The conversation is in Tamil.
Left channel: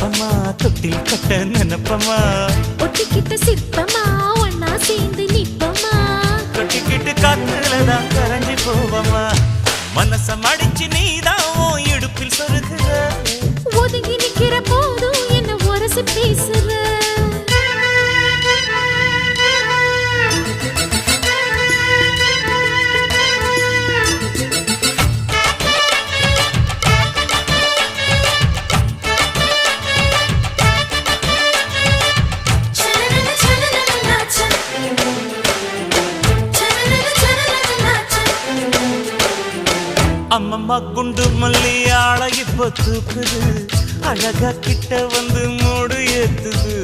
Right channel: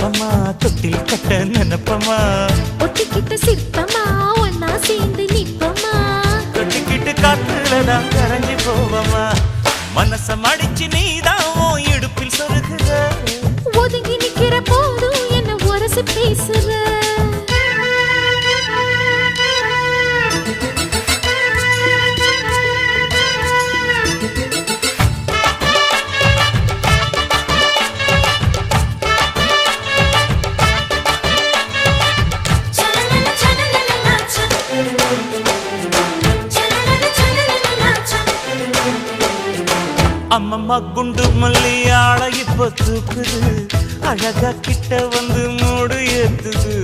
சிற்பமா தொட்டில் கட்ட நினைப்பமா ஒட்டிக்கிட்ட சிற்பமா ஒன்னா சேர்ந்து நிப்பமா கொட்டிக்கிட்டு காத்துலதான் கரைஞ்சி போவமா மனச மடிச்சு நீதான் உன் இடுப்பில் சொருகுற ஒதுங்கி நிக்கிற போதும் என்ன உரசி பேசுற அம்மம்மா குண்டு மல்லி ஆள இப்ப தூக்குது அழகா கிட்ட வந்து மூடு ஏத்துது